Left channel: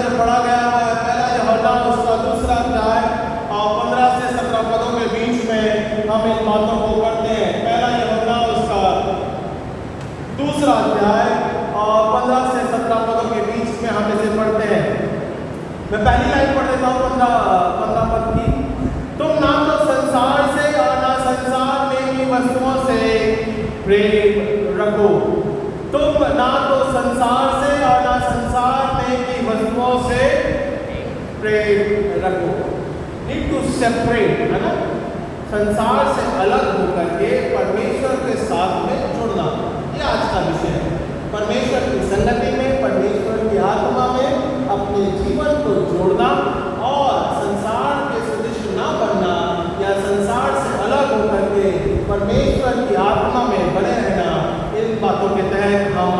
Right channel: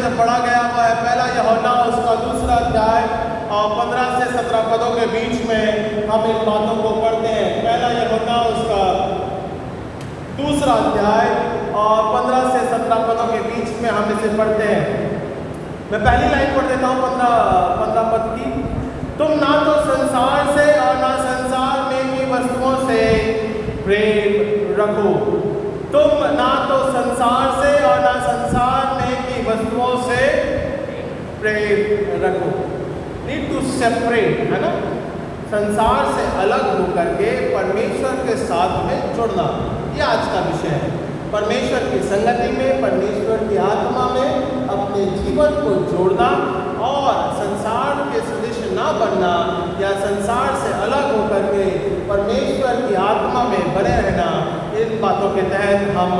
जो पढ़ा गया हुआ है पहला यूहन्ना उसका दूसरा अध्याय और 15 से 17 पदों के बीच में हम इन बातों को पढ़ते हैं। पहला यूहन्ना उसका दूसरा अध्याय और 15 से 17 पदों के बीच में हम इसे पढ़ते हैं। मैं पहली आयत पढ़ देता हूँ 15 पद की। तुम ना तो संसार से और ना संसार में की वस्तुओं से प्रेम रखो। तुम ना तो संसार से और ना संसार में की वस्तुओं से प्रेम रखो। नीड टू सेपरेट, है ना, संसार से अलग होकर के परमेश्वर के साथ में जुड़ना, ये आज का विषय है। परमेश्वर की संगति में, परमेश्वर की आत्मा में अपने जीवन को जोड़ना और संसार के सदृश ना बनना या संसार से अलग होकर के परमेश्वर की आत्मा में बने रहना, इन बातों के तहत हम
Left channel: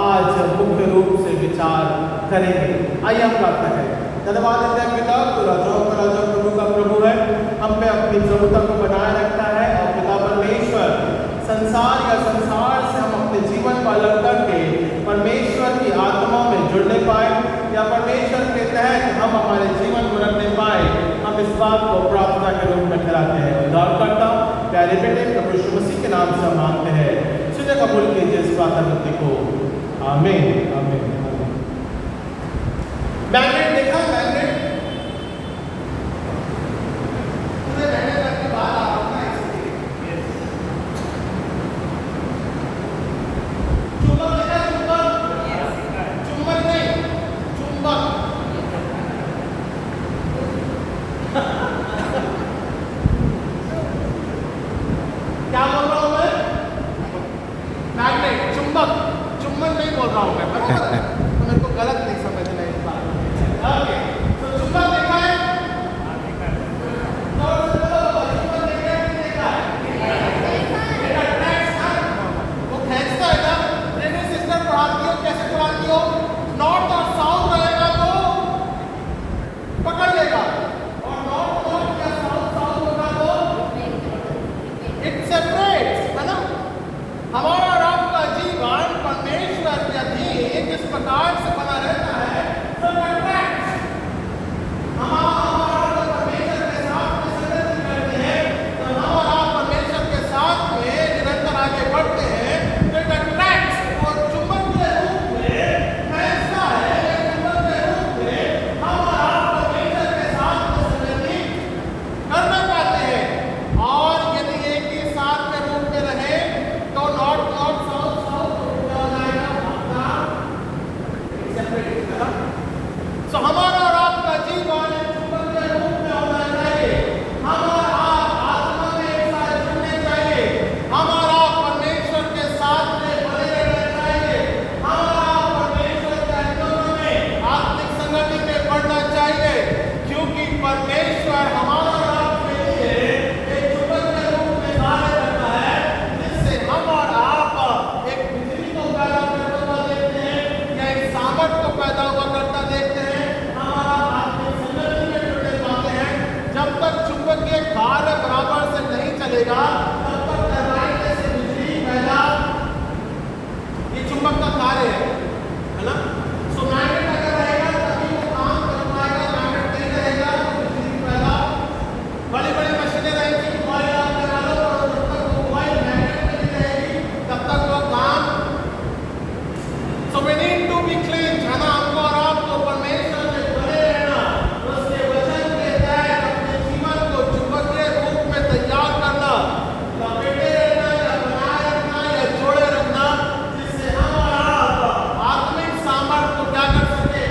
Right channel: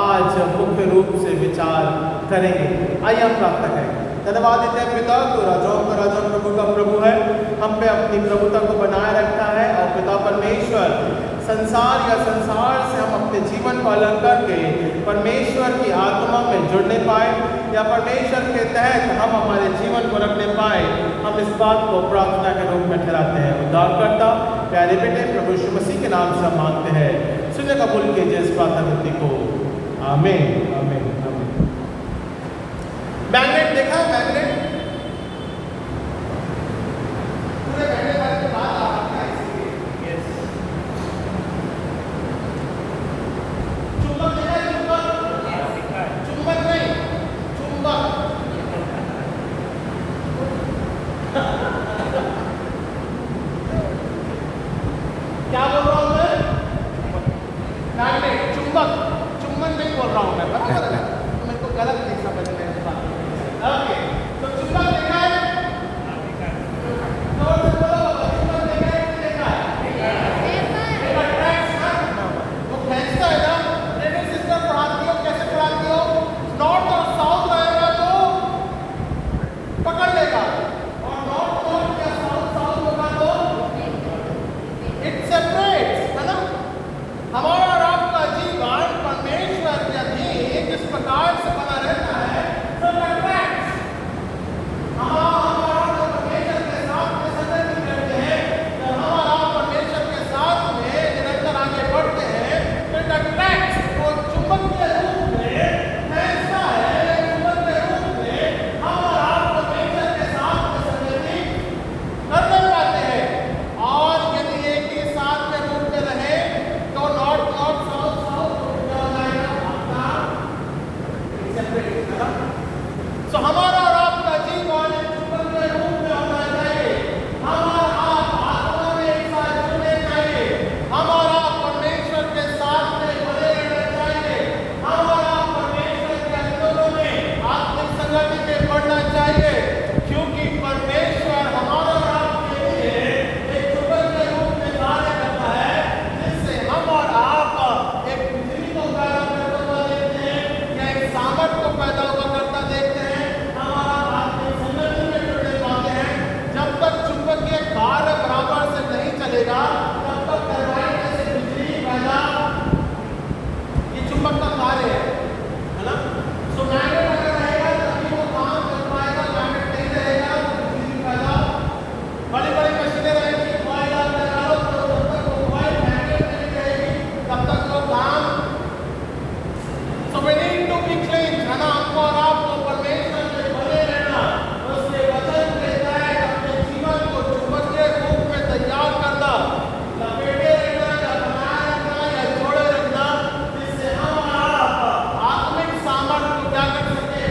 आज मुख्य रूप से विचार करेंगे। आइए हम प्रार्थना करें। धन्यवाद देते हैं पिता, तो राजाओं का राजा, प्रभु का प्रभु है, हम पे अपनी प्रभुता को बनाए रखता है। और पिता परमेश्वर, संसार या संसार से हम अपने जीवन को अलग करके परमेश्वर की आत्मा में जुड़ने पाए या परमेश्वर के तहत हम हमारे जीवन को रखने पाए, हम इस बात को प्रार्थना के रूप में ठहराते हैं। उद्धारकर्ता प्यारे बेटे प्रभु यीशु मसीह के नाम से मांगते हैं, सुने कबूल कीजिए इस प्रार्थना को। आमीन आमीन। मैग्नेट देखा है? मैग्नेट क्या बोल रहा हूं मैं? मैग्नेट, चुंबक, चुंबन नहीं बोल रहा हूं मैं, बराबर है? तो मेरे को गलत नहीं समझना इस बात में। ओके, तो चुंबक देखा है? हाँ देखा है। तो चुंबक देखा है कि देखा है? देखा है। ट्रैक्स है, वो खींचता है ना। ब्रेन सिस्टम पढ़ाती हो, कैसे पढ़ाती हो? नॉर्थ और साउथ रहेगा तो पकड़ लेगा, और नॉर्थ नॉर्थ या साउथ साउथ होगा तो इट सेपरेट्स, है ना। हमारा और आपका जीवन परमेश्वर के अधीन जिस प्रकार से बना रहता है, तो हमारा परमेश्वर के साथ में संगति करते हैं, जब हमारा परमेश्वर के साथ में निरंतर आगे बढ़ते हैं, तो इट अट्रैक्ट्स, वो चुंबक के रूप में ऐसा है, चुंबक के रूप में हमारा परमेश्वर के साथ में संगति करना पाते हैं। और यदि एक ही साथ के रूप में रहे तो नॉर्थ नॉर्थ साउथ साउथ हो जाएगा, सेपरेट, है ना। तो हमारा और आपका जीवन चुंबक के रूप में होना चाहिए। हम और आप आत्मा में एक साथ जुड़ने चाहिए। हम और आप परमेश्वर के साथ में बने रहना चाहिए। हम और आप परमेश्वर के अंदरों में आत्मिक संगति में बढ़ना चाहिए, क्योंकि परमेश्वर हमारा और आपके लिए एक चुंबक के रूप में कार्य करता है, जिससे हम और आप एक बिजली को पैदा करता हुआ देखते हैं या एक सामर्थ को पैदा हुआ करता देखते हैं। हमारा आत्मिक संगति में जुड़ने पाते हैं। जब तक चुंबकीय कार्य बराबर से नहीं चलेगा, तब तक टरबाइन से बिजली पैदा, ये चुंबक का कार्य है ना। सो मैग्नेट अगर रहेगा तभी वो काम कर पाएगा, मैग्नेट नहीं रहेगा तो बिजली पैदा। बड़ी बड़ी मशीनें रहेगी, ऑयल आप लगा लो, तो जब तक वो ऑयल मैग्नेट नहीं रहेगी तब तक वो काम। So we need to be clean, है ना। हमको और आपको परमेश्वर में बने रहना, उसके वचन के तहत अपने जीवन को चुंबकीय रूप में तैयार करना, लपेटे रहना या बनाए रखना या जोड़े रखना, जिससे हम और आप आत्मिक सामर्थ्य को क्या कर सके,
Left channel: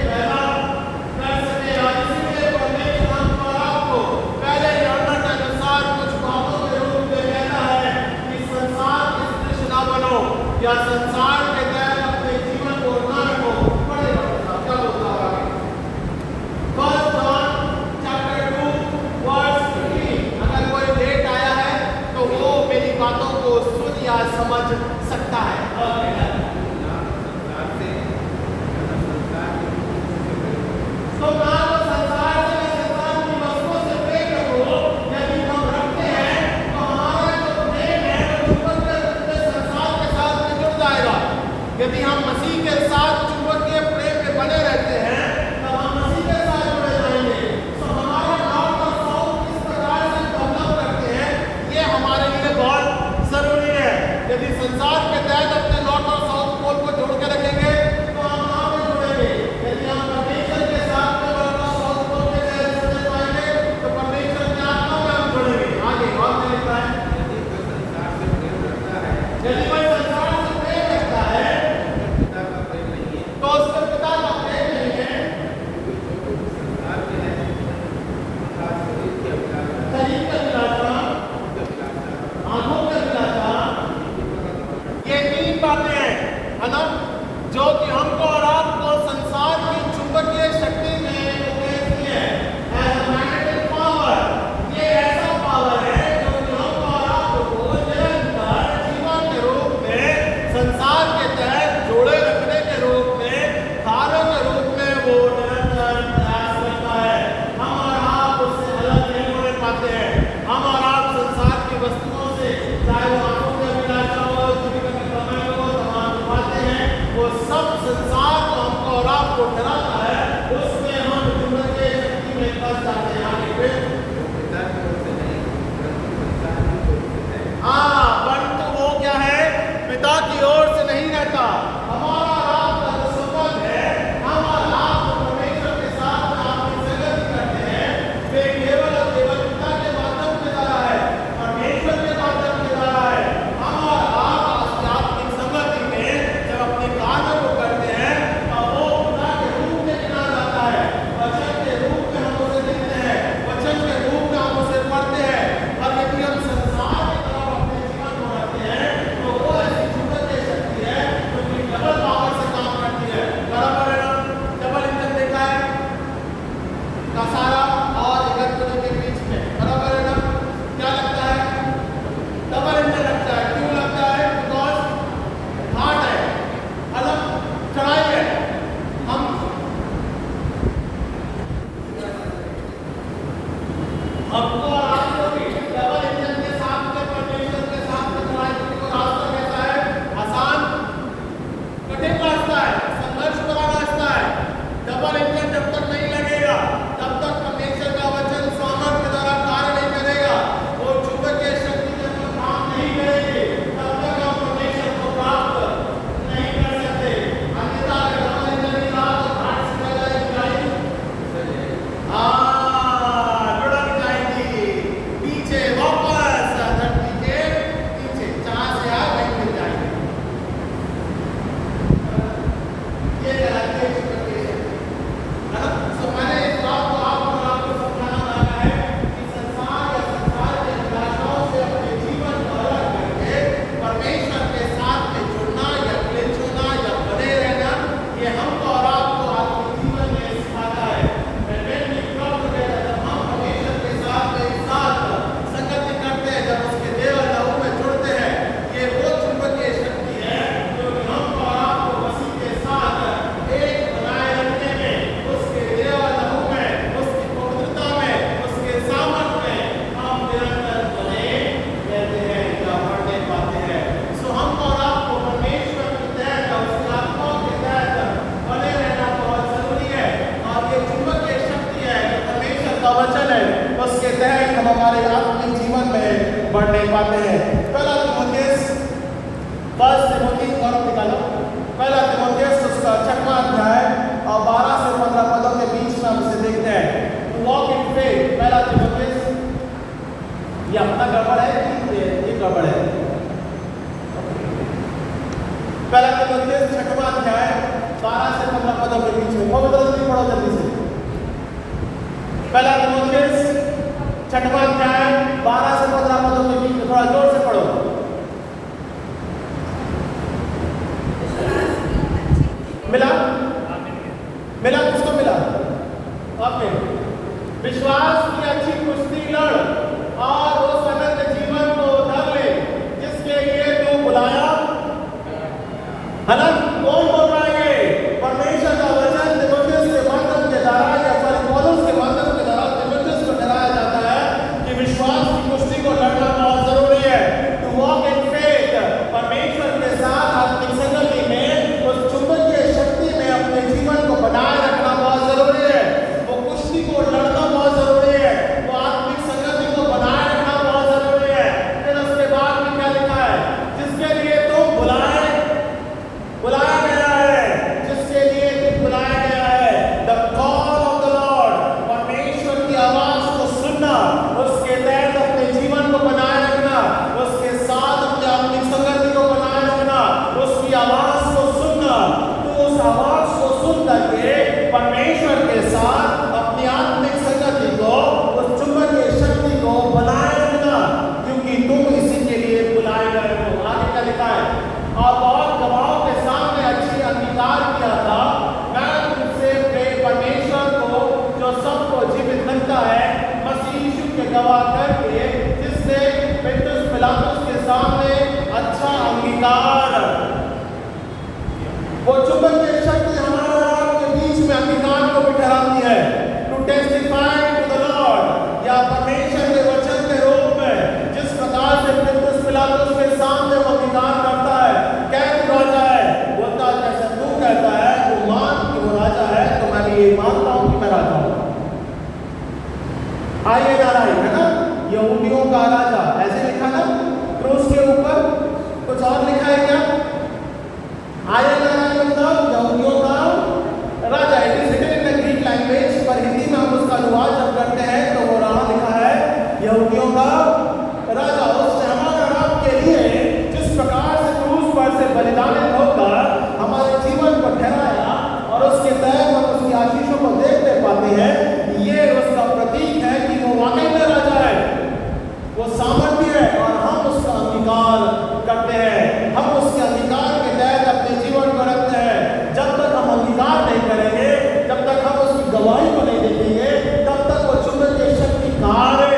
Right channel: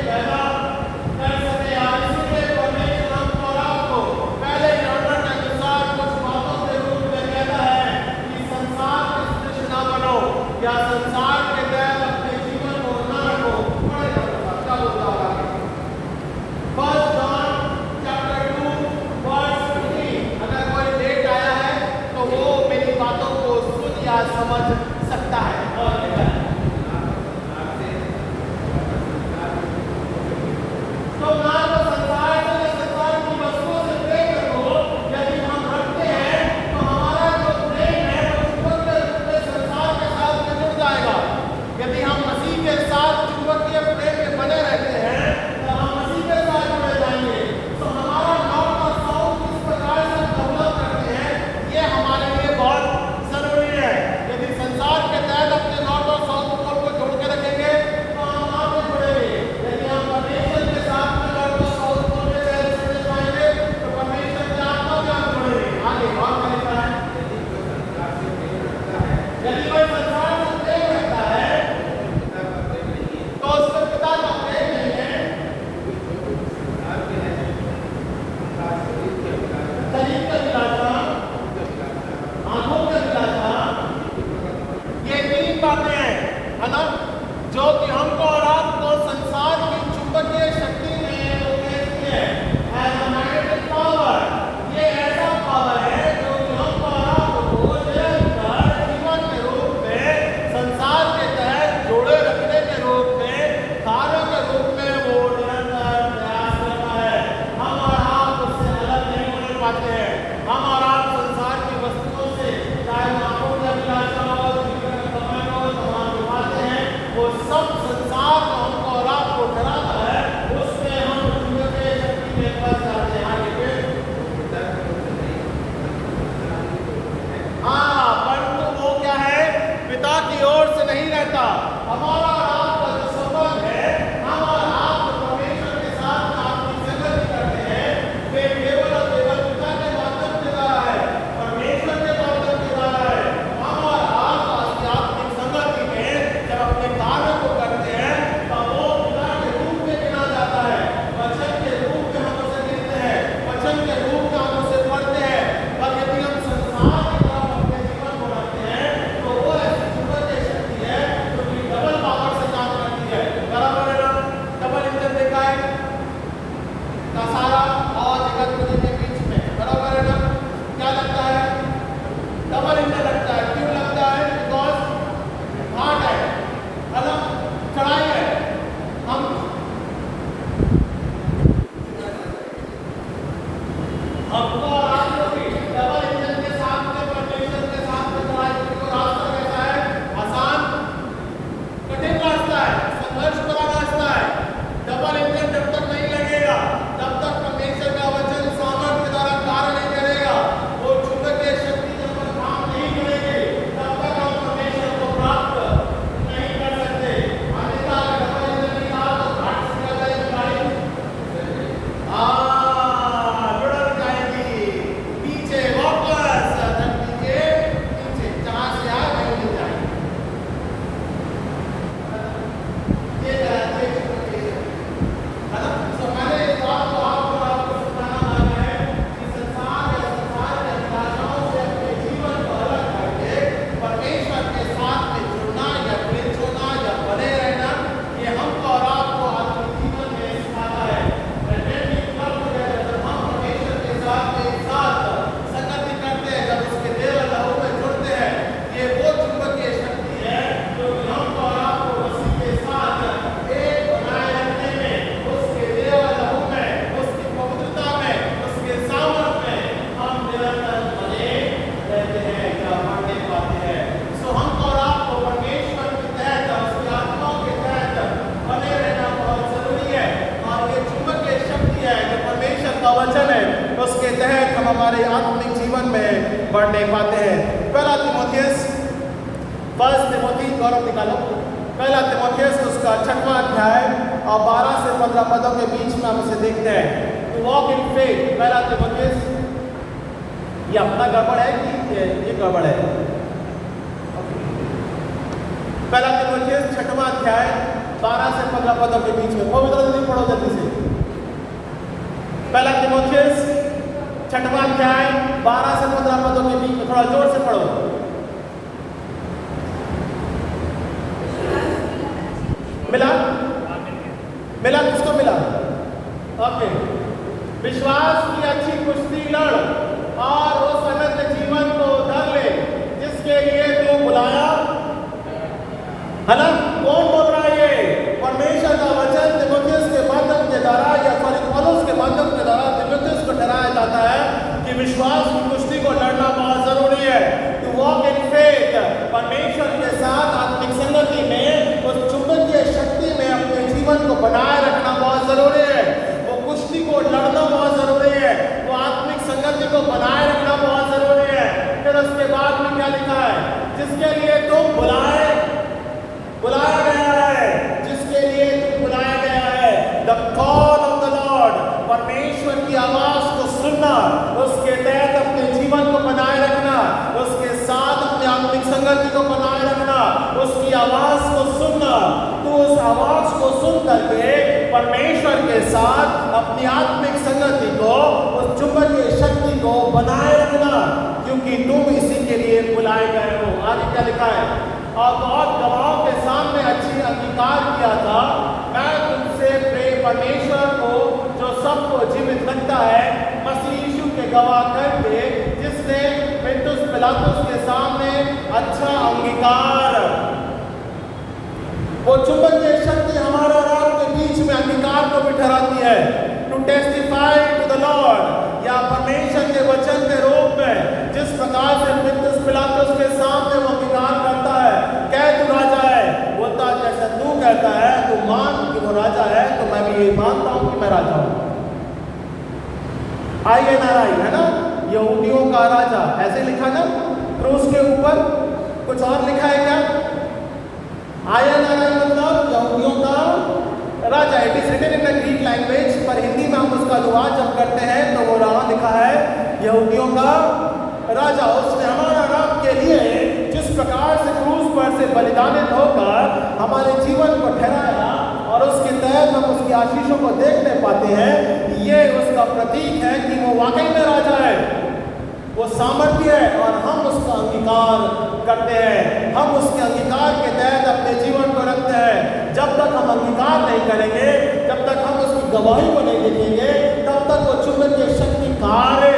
शक्ति में वो कहते हैं एज अ मैग्नेटिक पावर, ये ऐसा पावर है जो कि हम और आपको निरंतर जीवन के रूप में, संसार के तहत जोड़े रखने के रूप में, कार्यों के रूप में वो निरंतर प्रयास करता है। हम और आप उससे अलग नहीं होने पाते हैं। हम और आप संसार की वस्तुओं से, चाहे वो आंखों की अभिलाषा हो, जीवन का कमाई हो, तमाम जो बातें हैं, वो सब संसार को हमको और आपको डराता है, उसमें हम चुंबकीय शक्ति में फंस जाते हैं। आगे फिर हाँ, परंतु वो क्या है, पिता की ओर से नहीं रहता। हमारा और आपका जो संबंध है, हम और आप जो परमेश्वर के साथ में आपकी संगति करते हैं, वे केवल और केवल पिता के माध्यम के द्वारा है, परमेश्वर के माध्यम के द्वारा है। हम और आप आध्यात्मिक संगति में जब अपने कार्यों को करते हैं, तब वो पिता के रूप में गिना जाता है। वचन के रूप में हम उसे देखते हैं, वचन के रूप में हम उसे पढ़ते हैं। और यदि हम संसार की तरफ अपने जीवन को रखते हैं, तो वो ऐसी चुंबकीय शक्ति है जो कि डबल पावर से काम करती है। बराबर है ना? डबल इंजन देखा है का सारा और इगतपुरी के बीच में, बराबर है ना? क्या लगता है? डबल इंजन लगता है। क्यों लगता है? बिकॉज हार्ड है, अलग चढ़ाई है। हम हमको और आपको भी डबल इंजन के साथ में, परमेश्वर के साथ में चढ़ाई को रास्ता कैसा है? आसान, कठिन रास्ता है, संघर्ष भरा रास्ता है। डबल इंजन जब तक नहीं लगेगा, तब तक परमेश्वर का वचन सामर्थ के द्वारा कार्य नहीं करेगा। वो चुंबकीय शक्ति जब तक काम नहीं करेगी, तब तक हम परमेश्वर को प्राप्त नहीं कर सकते। अन्यथा अगर डबल इंजन नहीं रहा तो घाट से क्या जाएगी गाड़ी? लुढ़क जाएगी पीछे, वापस धरती के नीचे, जहां से आए वहीं मिल जाएंगे। ये है चुंबकीय शक्ति, है ना? तो मैंने इस बात को आपको समझाना चाहा है कि संसार या संसार के अभिलाषाओं से अपने जीवन को अलग करके परमेश्वर के साथ में जुड़ना या क्लिंच होना या बने रहना, ये हमको और आपको आत्मिक जीवन में सिखाता है। And when we come together, जब हम परमेश्वर के साथ में एक साथ संगति करते हैं, जब उसके देव लहू में जुड़ते हैं, ये वो चुंबकीय शक्ति है जो कि हमको और आपको मसीह के साथ एक बनाए रखने में, उसके देव लहू में, उसकी पवित्रता में, उसके सामर्थ में हम निरंतर बने रहते हैं या बढ़ने पाते हैं। सो हमको और आपको परमेश्वर के तहत, उसकी आत्मा के तहत बने रहना बहुत जरूरी है। और ये चुंबकीय शक्ति है जो परमेश्वर का वचन है, उसके तहत हम हमारे आत्मिक जीवन में बढ़ने पाते हैं। पहला तीमुथियुस, फर्स्ट तीमुथी गौरव निकाला, पहला तीमुथियुस उसका 6वां अध्याय और 12 से 15 पदों के बीच में हम इसे देखते हैं। टू वॉक इन फेथ, पहला तीमुथियुस, ये अपना गड़बड़ है कि ये गड़बड़ है? पहला तीमुथियुस 6वां अध्याय 12 से 15 पदों के बीच में, वो जल्दी पढ़ो, जल्दी से। पहला तीमुथियुस 6वां अध्याय 12 से 15 पदों के बीच में, थोड़ा जोर से पढ़ो। मिला? मिला? किसको मिला? ओके। विश्वास की अच्छी कुश्ती लड़ और उस अनंत जीवन को धर ले जिसके लिए तू बुलाया है ना? कौन बोल रहा है ये? परमेश्वर का वचन तीमुथियुस के माध्यम के द्वारा या पौलुस के माध्यम के द्वारा तीमुथियुस को डराया जाता है कि विश्वास की कुश्ती को लड़ना बहुत जरूरी है। टू वॉक इन फेथ, परमेश्वर के साथ आत्मिक संगति में, उस चुंबकीय शक्ति में अपने जीवन को बनाए रखना बहुत जरूरी है। वो कुश्ती को लड़ना बहुत जरूरी है, वो आत्मिक संगति को बनाए रखना बहुत जरूरी है। फिर उसके बाद में क्या लिखा है? जिसके लिए तुम बुलाया गया है, जिसके लिए तुम बुलाया गया है। The call of the Lord, परमेश्वर की आवाज को सुनना, उसके तहत अपने जीवन को बनाए रखना, उसके साथ अपने आत्मिक संगति को बनाए रखना, उसकी आवाज को सुनना। तो उस आवाज को सुन करके परमेश्वर के साथ अपनी आत्मिक संगति को, उस चुंबकीय शक्ति को बनाए रखना, क्योंकि तुम इसी के लिए बुलाए गए हो। आगे क्या लिखा है? और बहुत गवाहों के सामने अच्छी अंगीकार किया था, मैं तुमसे परमेश्वर मैं राजा हूं। INRI है ना, यहूदियों का राजा, ऐसे लिखा ना क्रूस के ऊपर। कुछ और लिखा है क्या? INRI मतलब यहूदियों का राजा। It is written in the Greek language, पर हिंदी में हम उसका अनुवाद जब करते हैं तो वो रहा लिखा है यहूदियों का राजा। उसने हमारा रब के लिए जिस प्रकार से क्रूस पर से बलिदानित होकर हमारे जीवन को ठहराया और उसके तहत हम उसकी आशीषों को देखने पाते हैं, ये उसका प्रतीक है कि वो वाकई में राजा है, वो सामर्थ्य है और हम उसका अंगीकार करते हैं। हम उसके अंगीकार के तहत अपने जीवन को रखते हैं। जब तक हम अंगीकार नहीं करेंगे, जब तक हम उसकी गवाही को नहीं देखेंगे, तब तक वो चुंबकीय शक्ति कहाँ है।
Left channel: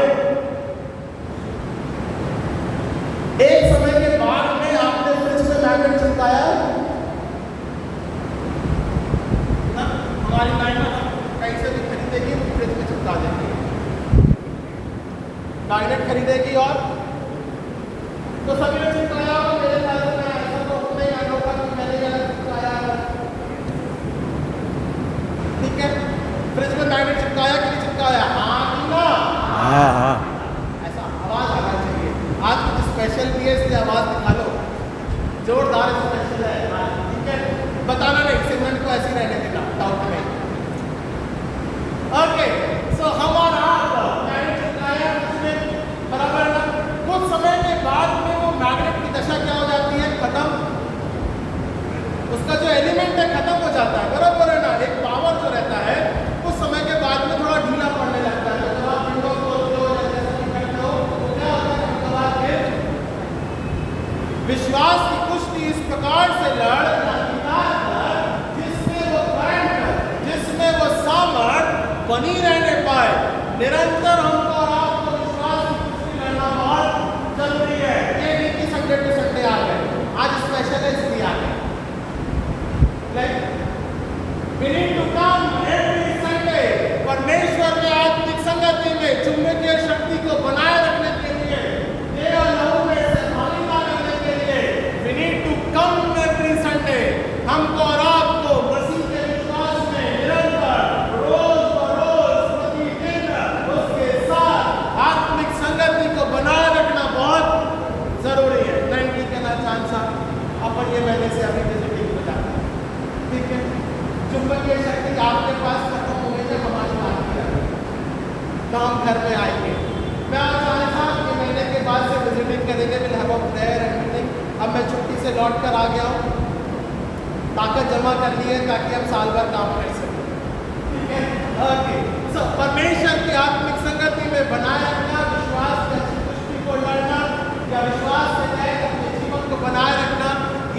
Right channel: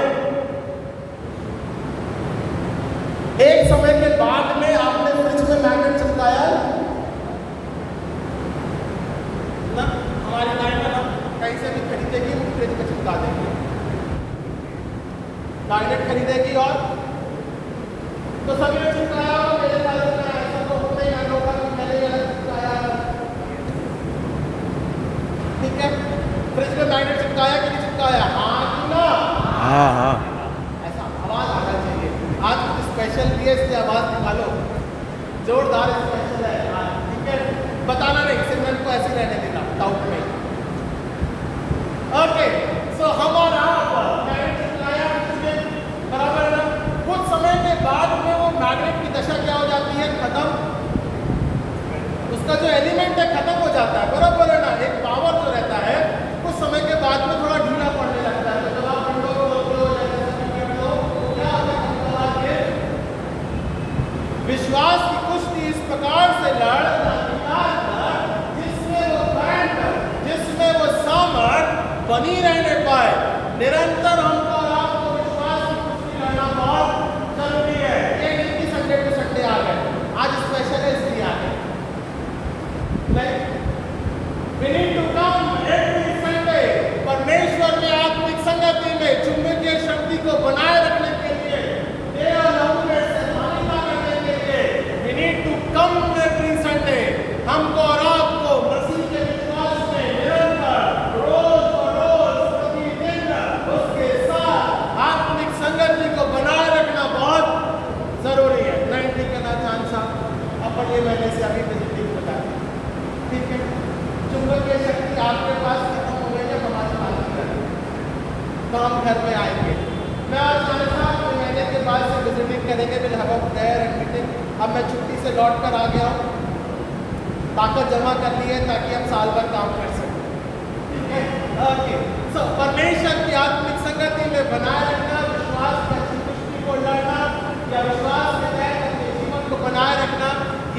एक समय के बाद में आपने फ्रिज में मैग्नेट चिपकाया ना, हमारी नाइना कहीं से भी खरीदेगी, फ्रिज में चिपका देंगे, मैग्नेट खरीदेगी और तो सभी ने चिपकाया होगा। मेरे ख्याल से मैं ऐसा तो नहीं अनोखा कि मैंने ये अलग चिपकाया है, ठीक है। फ्रिज में मैग्नेट चिपकाया कि नहीं चिपकाया? हाँ कि ना? हाँ हाँ। ऐसा आवाज आना चाहिए। आज कुछ स्पेशल भी है, इसलिए आवाज निकालो, जोरदार स्पेशल है, हाँ ठीक है। बताना नहीं, सिमरन को ऐसे रहने देना, डाउट नहीं। ओके, सो हमारा मैग्नेट चिपकाया बराबर ना। कुछ समय के बाद में वो मैग्नेट की दशा क्या हो जाती है? खत्म। उसका जो एलिमेंट है खत्म हो जाता है, बराबर है ना। एक पावर जो रहता है कुछ समय के बाद में थोड़ा ढीला पड़ने लगता है। तो जब आप विंडो खोलते हो या जैसा करते हो तो क्या होता है? विश्वास की कुश्ती इस प्रकार से लड़ जिसमें वो करंट, जिसमें वो सामर्थ बनी रहने पाए। निरंतर हमको और आपको विश्वास की कुश्ती लड़ना बहुत जरूरी है। ये नहीं कि संडे टू संडे आ गए, आज स्पेशल है इसलिए आ गए। We need to come every Sunday। परमेश्वर में आत्मिक संगति में चुंबकीय शक्ति को बनाए रखने के लिए, देह और लहू में सहभागिता करने के लिए we need to come every Sunday। हमको और आपको मसीह के विश्वास में निरंतर रोज बरोज प्रतिदिन उसके साथ आत्मिक संगति को बनाए रखना बहुत जरूरी है। 90 के ना चांस अपन ये महीने से अभी विजिटिंग बता, ठीक है। चुंबकीय शक्ति आपके पास खत्म हो गई, जब हमारी बात की तो हम घर में आएंगे। मैं आज ये महीने के बाद से विजिटिंग करेंगे, will have a prayer and meeting. अब मैं छुट्टी से लौट कर आ गया हूँ, ताकत जमा कर ली है ताकि हम साल भर काम कर सकें, ठीक है। ओके, सो परमेश्वर की आत्मिक संगति में बनाए रखना, विश्वास की अच्छी कुश्ती को लड़ना या विश्वास के तहत अपने जीवन को बनाए रखना,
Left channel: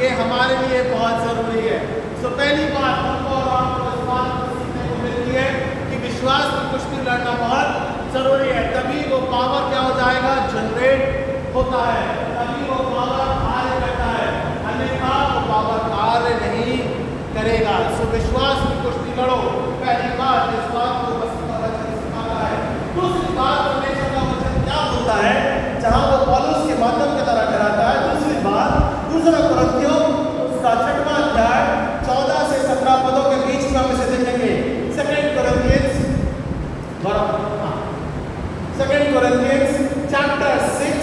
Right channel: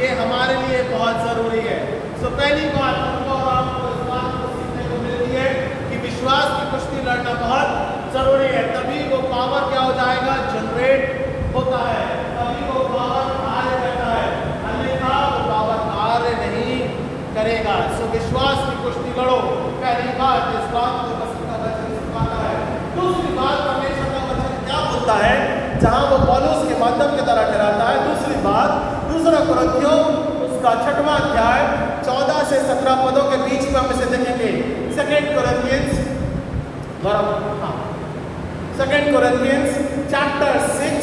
ये हमारे लिए बहुत जरूरी है। तो पहली बात हमको और आपको इस बात को सीखने को मिलती है कि विश्वास की कुश्ती लड़ना बहुत जरूरी है। तभी वो पावर क्या हो जाएगा? जनरेट होता है, तभी वो पावर कार्य करता है, अन्यथा वो पावर कार्य नहीं करेगा। सो विश्वास की कुश्ती लड़ो, पहली बात इस बात को मसीह का वचन सिखाता है। दूसरी बात परमेश्वर का वचन क्या बोलता है, जहां वो पौलुस के माध्यम की तरह कराता है। दूसरी बात, दूसरा कुरिन्थियों उसका 6वां अध्याय 14 से 17 पदों के बीच में हम इसे देखेंगे। 2 Corinthians chapter 6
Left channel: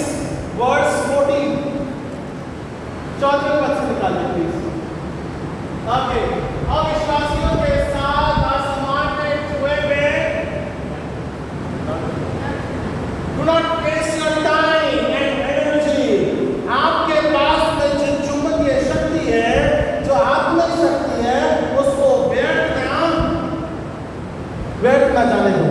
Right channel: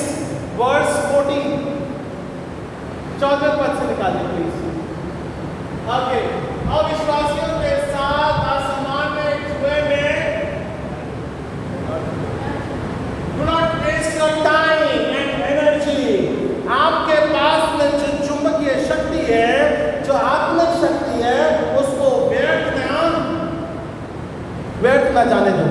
verse 14, 14 पद से निकालिए प्लीज। ओके, अविश्वासियों के साथ आसमान में छुए में do not waste your time and energy। आपके पास में जो चुंबकीय शक्ति है, जो आत्मिक शक्ति है, उसको व्यर्थ ना जाने दो।